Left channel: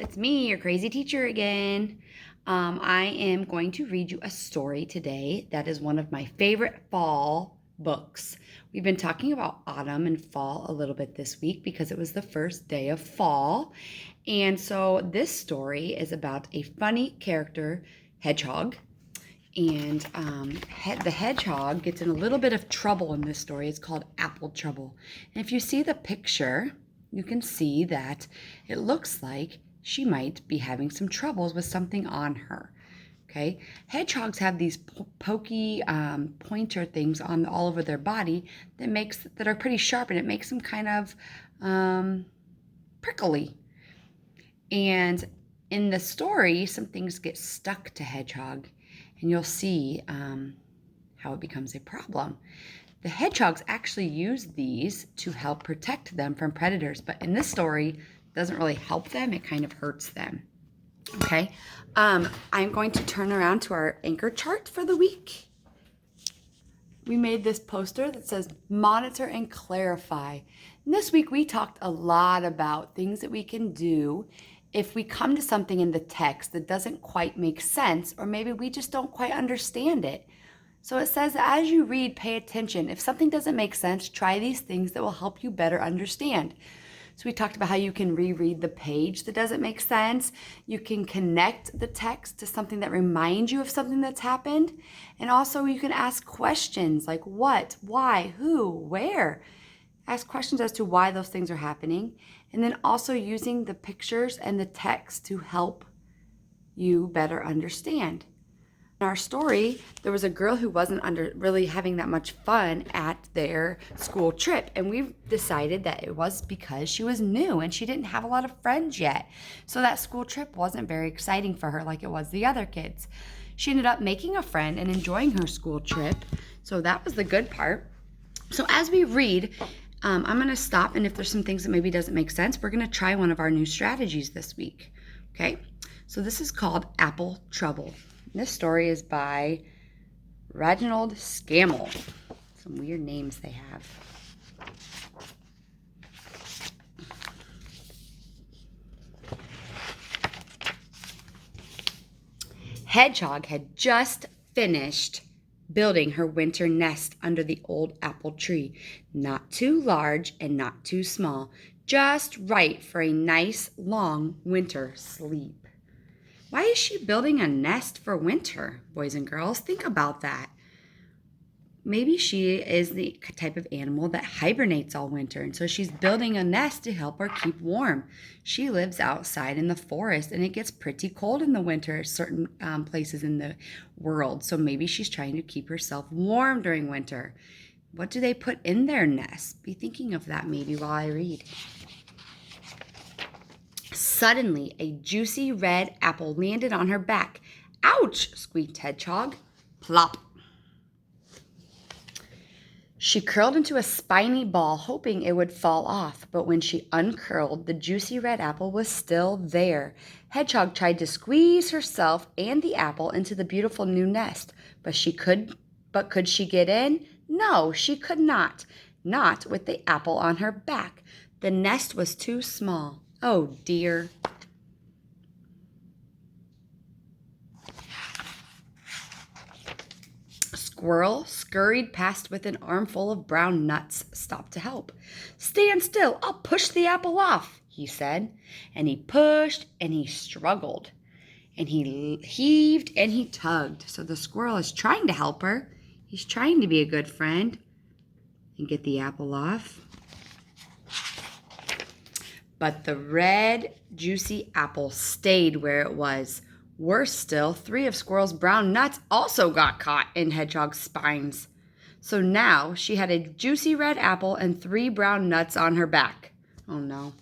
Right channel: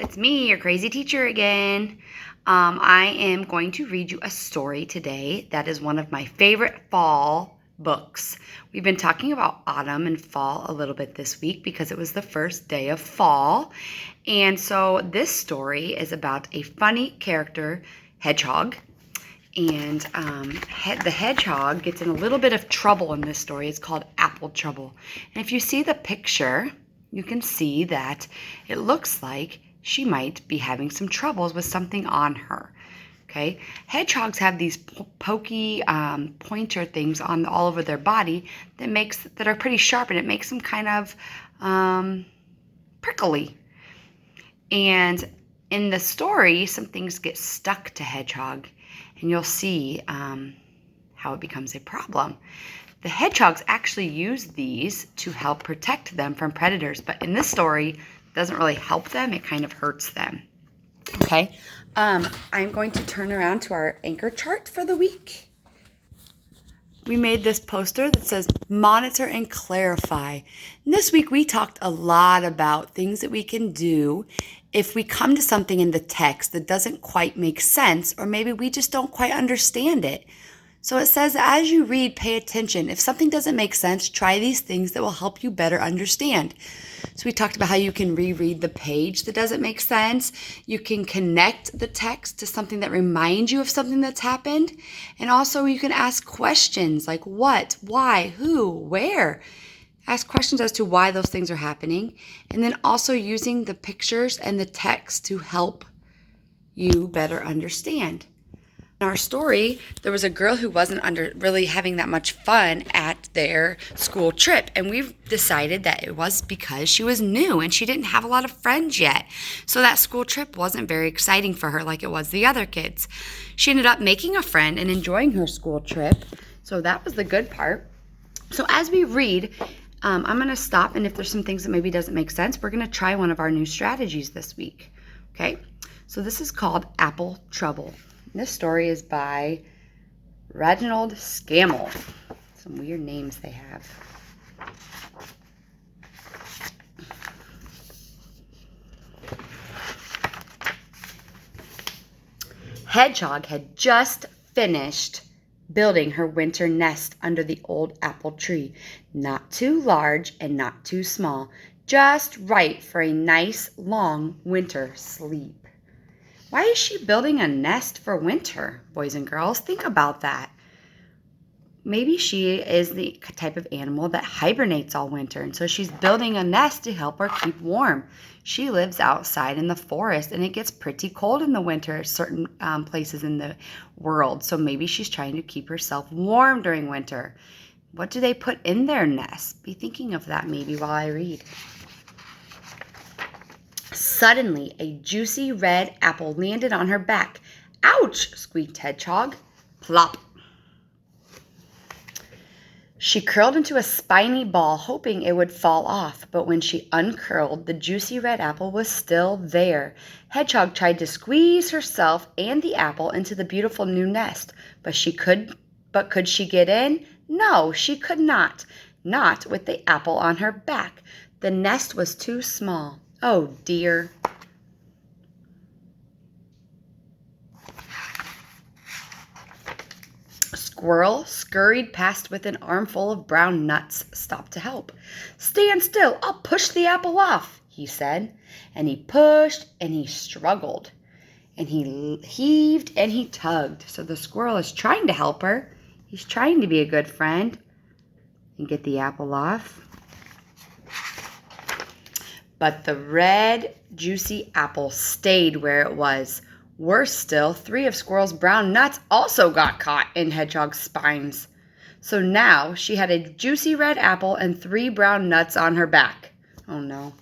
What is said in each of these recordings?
it's me, your crazy teacher again. I am going to read you a story today that is one of my favorite fall books. We've been talking about autumn and fall a little bit this week because it was the first day of fall. And so this story is about a funny character, Hedgehog. And the hedgehog gets in a little bit of trouble in this story. It's called Apple Trouble. And if you see the picture, you can see that it looks like she might be having some troubles with something on her. Okay, hedgehogs have these pokey pointer things on all over their body that are pretty sharp, and it makes them kind of prickly. And in the story, some things get stuck to Hedgehog, and you'll see how it becomes a problem. The hedgehogs actually use these to help protect them from predators, but in this story, it doesn't really help them. It kind of hurts them. Okay, I'm going to turn around to our anchor chart for the week. We made this poster that says monitor and clarify. And this week we talked a lot about things that we can do if we come to something in the text that doesn't quite make sense, or maybe we just don't quite understand it. So it says, as you read, pay attention. If something doesn't make sense, try these things that will help you better understand. So we talked about how you can reread the page that doesn't make sense. You can connect the text to something that reminds you of something that's happened. And also you can ask questions like what, why, who, where. Ask questions as to why those things are happening. And then also using the pictures and the text to help you better understand. In our story, there was a girl who wasn't really having that much fun at their school trip, and we decided that it was because she was new and she didn't have a lot of friends yet. So that school trip wasn't very exciting for her like it was the other kids. She ended up making a friend and enjoying her school trip, so that was the good part. So as we read, I'm going to stop, and if there's some things that maybe doesn't make sense, we're going to try one of our new strategies this week. Okay, so this is called Apple Trouble. This story is by Reginald Scammell. Some weird names they have. Hedgehog had just finished building her winter nest under the old apple tree. Not too large and not too small. Just right for a nice long winter sleep. Why is she building a nest for winter, boys and girls? Think about that. Maybe she is the type of animal that hibernates all winter, and so she's building a nest to help her keep warm. She lives outside in the forest, and it gets pretty cold in the winter at certain places in the world, so maybe she's trying to keep herself warm during winter. What do they put in their nest? Be thinking of that maybe while I read. Suddenly, a juicy red apple landed on her back. Ouch! Squeaked Hedgehog. Plop. She curled into a spiny ball, hoping it would fall off, but when she uncurled, the juicy red apple was still there. Hedgehog tried to squeeze herself and the apple into the beautiful new nest, but could she get in? No, she could not. Not with the apple on her back. The nest was too small. Oh, dear. Squirrel scurried past with an armful of brown nuts, stopped to help. Stand still, I'll push the apple off, he said. And he pushed and he struggled. And he heaved and he tugged. So the squirrel is trying to help her. He's trying to be a good friend and get the apple off. But the red, juicy apple stayed where it was. Worse still, 3 of Squirrel's brown nuts also got caught in Hedgehog's spines. So now she had a juicy red apple and 3 brown nuts on her back. Oh no.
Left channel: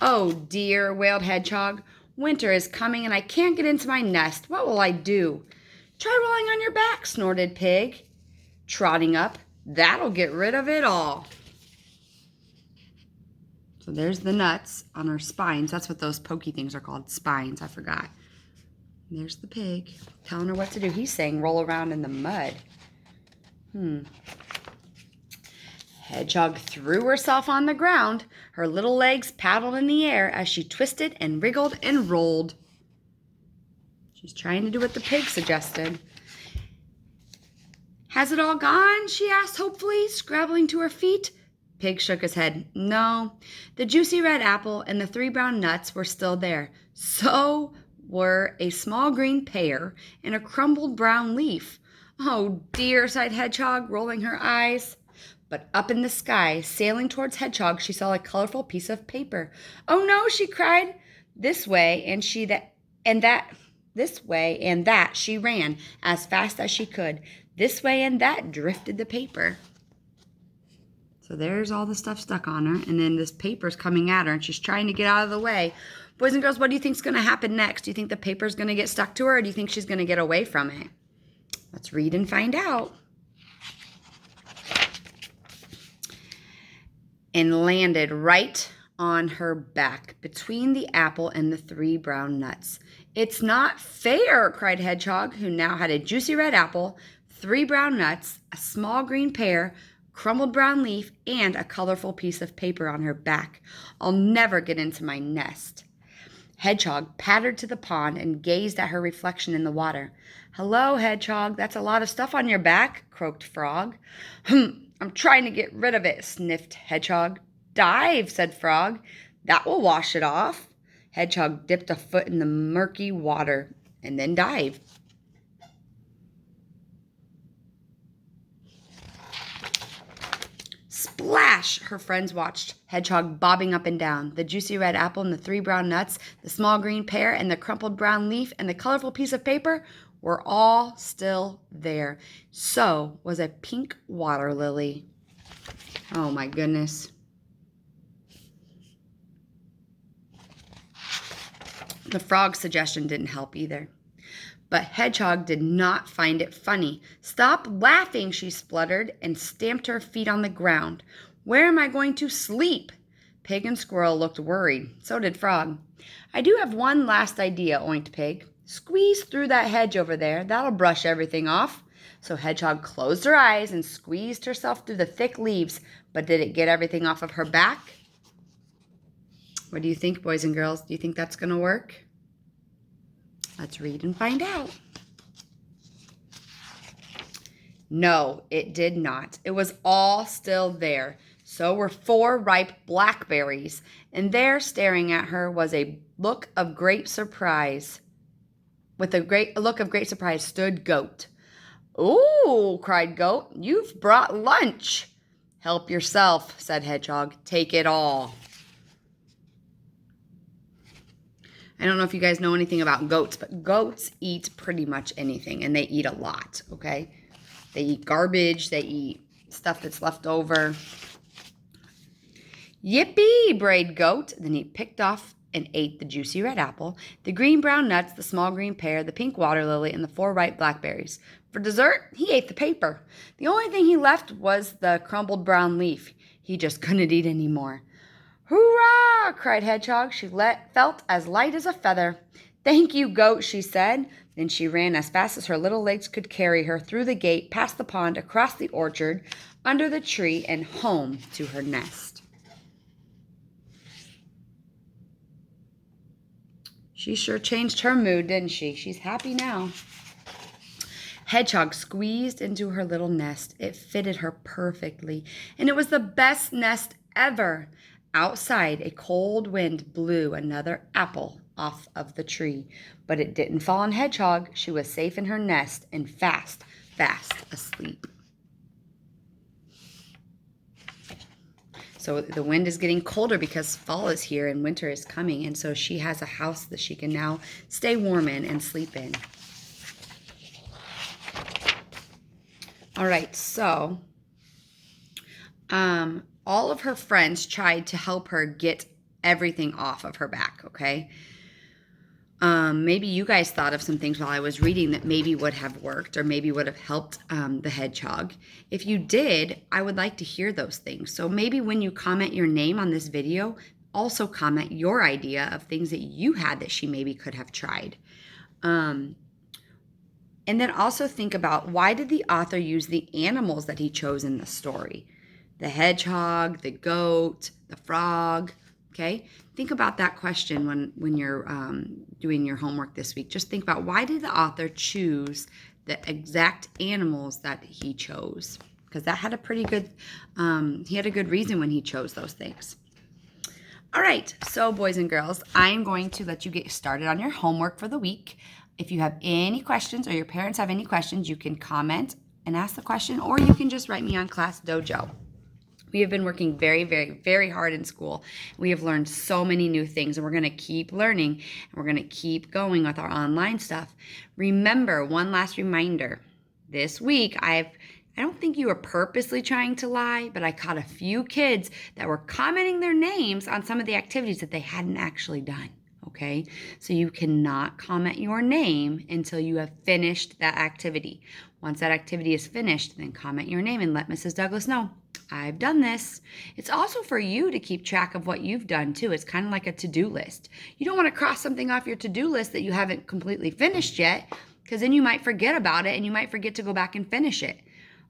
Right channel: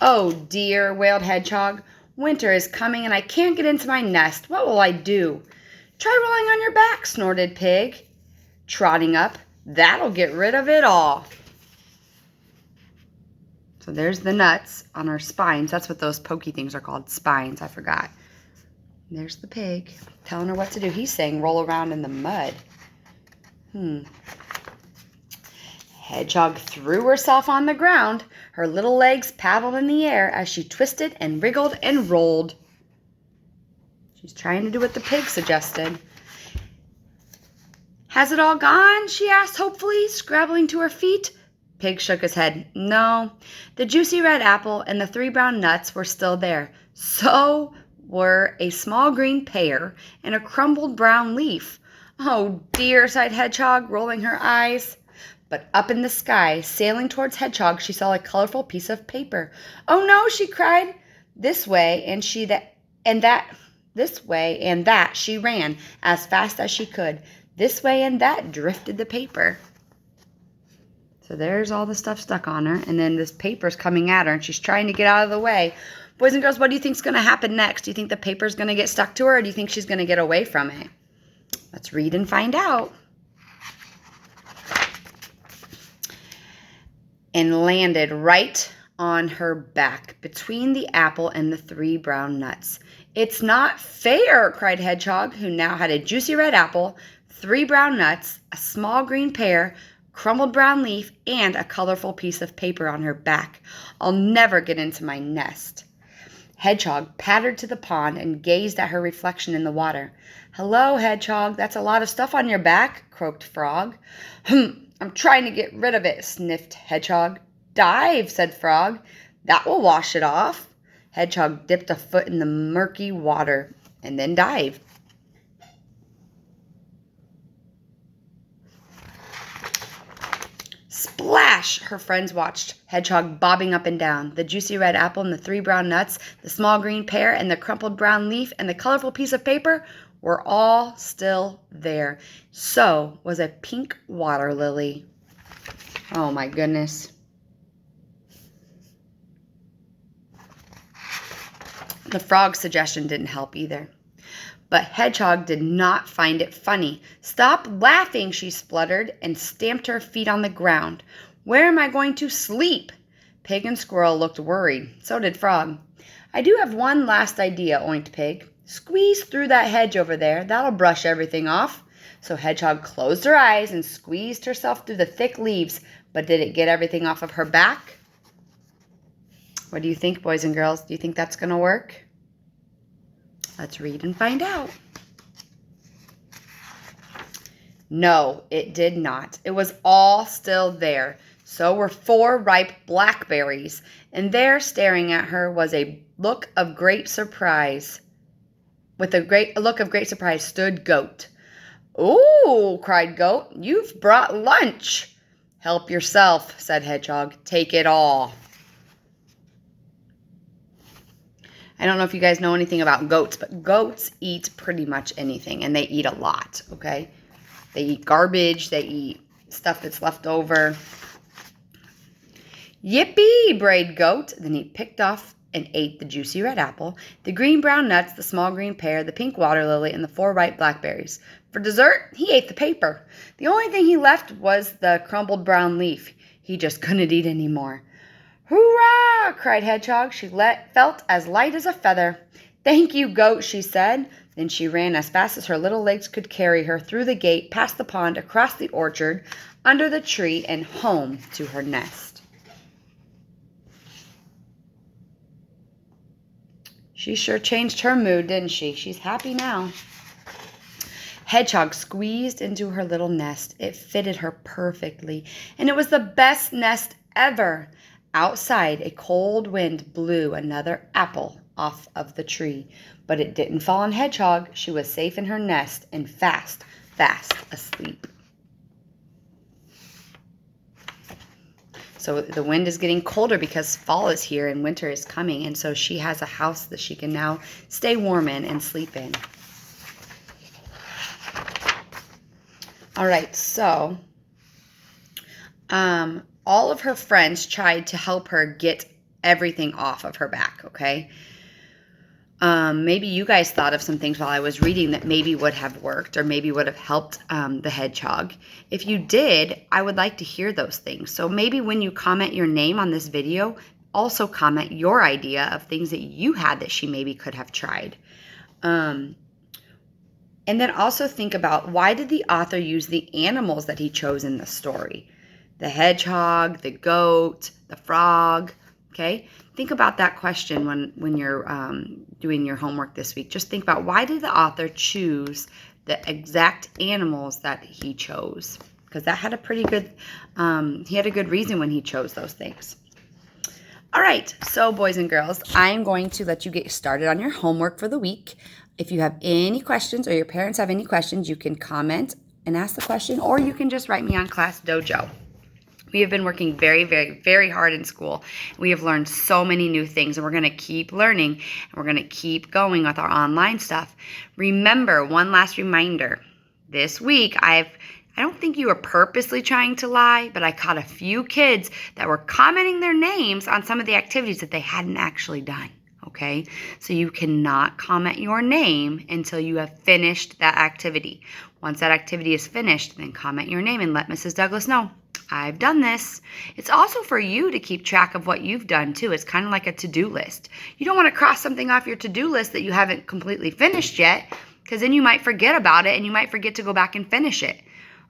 Oh dear, wailed Hedgehog. Winter is coming and I can't get into my nest. What will I do? Try rolling on your back, snorted Pig. Trotting up, that'll get rid of it all. So there's the nuts on her spines. That's what those pokey things are called, spines. I forgot. And there's the pig telling her what to do. He's saying roll around in the mud. Hedgehog threw herself on the ground. Her little legs paddled in the air as she twisted and wriggled and rolled. She's trying to do what the pig suggested. Has it all gone? She asked hopefully, scrabbling to her feet. Pig shook his head. No, the juicy red apple and the 3 brown nuts were still there. So were a small green pear and a crumbled brown leaf. Oh dear, sighed Hedgehog, rolling her eyes. But up in the sky, sailing towards Hedgehog, she saw a colorful piece of paper. Oh no, she cried. This way and that she ran as fast as she could. This way and that drifted the paper. So there's all the stuff stuck on her, and then this paper's coming at her, and she's trying to get out of the way. Boys and girls, what do you think's going to happen next? Do you think the paper's going to get stuck to her, or do you think she's going to get away from it? Let's read and find out. And landed right on her back, between the apple and the 3 brown nuts. It's not fair, cried Hedgehog, who now had a juicy red apple, 3 brown nuts, a small green pear, crumbled brown leaf, and a colorful piece of paper on her back. I'll never get into my nest. Hedgehog pattered to the pond and gazed at her reflection in the water. Hello, Hedgehog, that's a lot of stuff on your back, croaked Frog. I'm trying to get rid of it, sniffed Hedgehog. Dive, said Frog. That will wash it off. Hedgehog dipped a foot in the murky water and then dived. Splash! Her friends watched Hedgehog bobbing up and down. The juicy red apple and the 3 brown nuts, the small green pear and the crumpled brown leaf and the colorful piece of paper were all still there. So was a pink water lily. Oh my goodness. The frog's suggestion didn't help either. But Hedgehog did not find it funny. Stop laughing, she spluttered and stamped her feet on the ground. Where am I going to sleep? Pig and Squirrel looked worried. So did Frog. I do have one last idea, oinked Pig. Squeeze through that hedge over there. That'll brush everything off. So Hedgehog closed her eyes and squeezed herself through the thick leaves. But did it get everything off of her back? What do you think, boys and girls? Do you think that's going to work? Let's read and find out. No, it did not. It was all still there. So were 4 ripe blackberries, and there, staring at her, was a look of great surprise. With a look of great surprise stood Goat. Ooh, cried Goat, you've brought lunch. Help yourself, said Hedgehog. Take it all. I don't know if you guys know anything about goats, but goats eat pretty much anything, and they eat a lot, okay? They eat garbage. They eat stuff that's left over. Yippee, brayed Goat. Then he picked off and ate the juicy red apple, the green brown nuts, the small green pear, the pink water lily, and the 4 ripe blackberries. For dessert, he ate the paper. The only thing he left was the crumbled brown leaf. He just couldn't eat any more. Hurrah! Cried Hedgehog. She felt as light as a feather. Thank you, Goat, she said. Then she ran as fast as her little legs could carry her through the gate, past the pond, across the orchard, under the tree, and home to her nest. She sure changed her mood, didn't she? She's happy now. Hedgehog squeezed into her little nest. It fitted her perfectly, and it was the best nest ever. Outside, a cold wind blew another apple off of the tree, but it didn't fall on Hedgehog. She was safe in her nest and fast asleep. So the wind is getting colder because fall is here and winter is coming, and so she has a house that she can now stay warm in and sleep in. All right, so all of her friends tried to help her get everything off of her back, okay? Maybe you guys thought of some things while I was reading that maybe would have worked or maybe would have helped the hedgehog. If you did, I would like to hear those things. So maybe when you comment your name on this video, also comment your idea of things that you had that she maybe could have tried. And then also think about, why did the author use the animals that he chose in the story? The hedgehog, the goat, the frog, okay? Think about that question when you're doing your homework this week. Just think about, why did the author choose the exact animals that he chose? Because that had a pretty good, he had a good reason when he chose those things. All right, so boys and girls, I'm going to let you get started on your homework for the week. If you have any questions or your parents have any questions, you can comment and ask the question, or you can just write me on Class Dojo. We have been working very, very, very hard in school. We have learned so many new things, and we're going to keep learning, and we're going to keep going with our online stuff. Remember, one last reminder. This week, I don't think you were purposely trying to lie, but I caught a few kids that were commenting their names on some of the activities that they hadn't actually done. Okay, so you cannot comment your name until you have finished that activity. Once that activity is finished, then comment your name and let Mrs. Douglas know, I've done this. It's also for you to keep track of what you've done too. It's kind of like a to-do list. You don't want to cross something off your to-do list that you haven't completely finished yet, because then you might forget about it and you might forget to go back and finish it.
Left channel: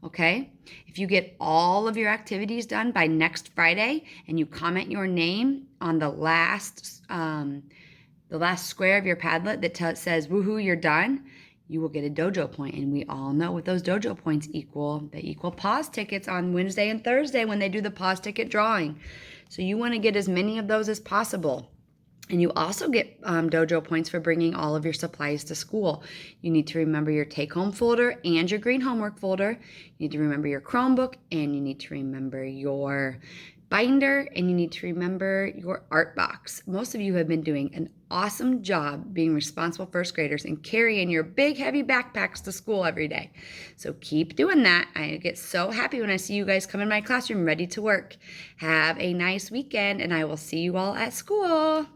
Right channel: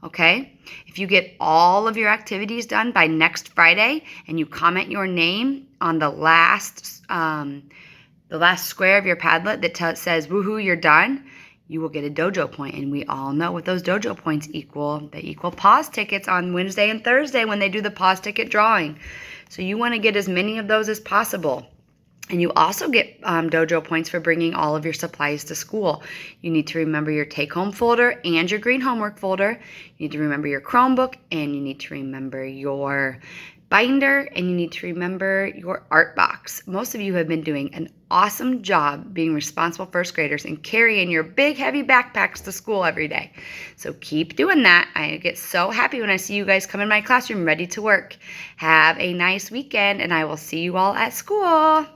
Okay? If you get all of your activities done by next Friday and you comment your name on the last square of your Padlet that says, woohoo, you're done, you will get a dojo point. And we all know what those dojo points equal. They equal pause tickets on Wednesday and Thursday when they do the pause ticket drawing. So you want to get as many of those as possible. And you also get dojo points for bringing all of your supplies to school. You need to remember your take-home folder and your green homework folder. You need to remember your Chromebook, and you need to remember your binder, and you need to remember your art box. Most of you have been doing an awesome job being responsible first graders and carrying your big heavy backpacks to school every day. So keep doing that. I get so happy when I see you guys come in my classroom ready to work. Have a nice weekend, and I will see you all at school.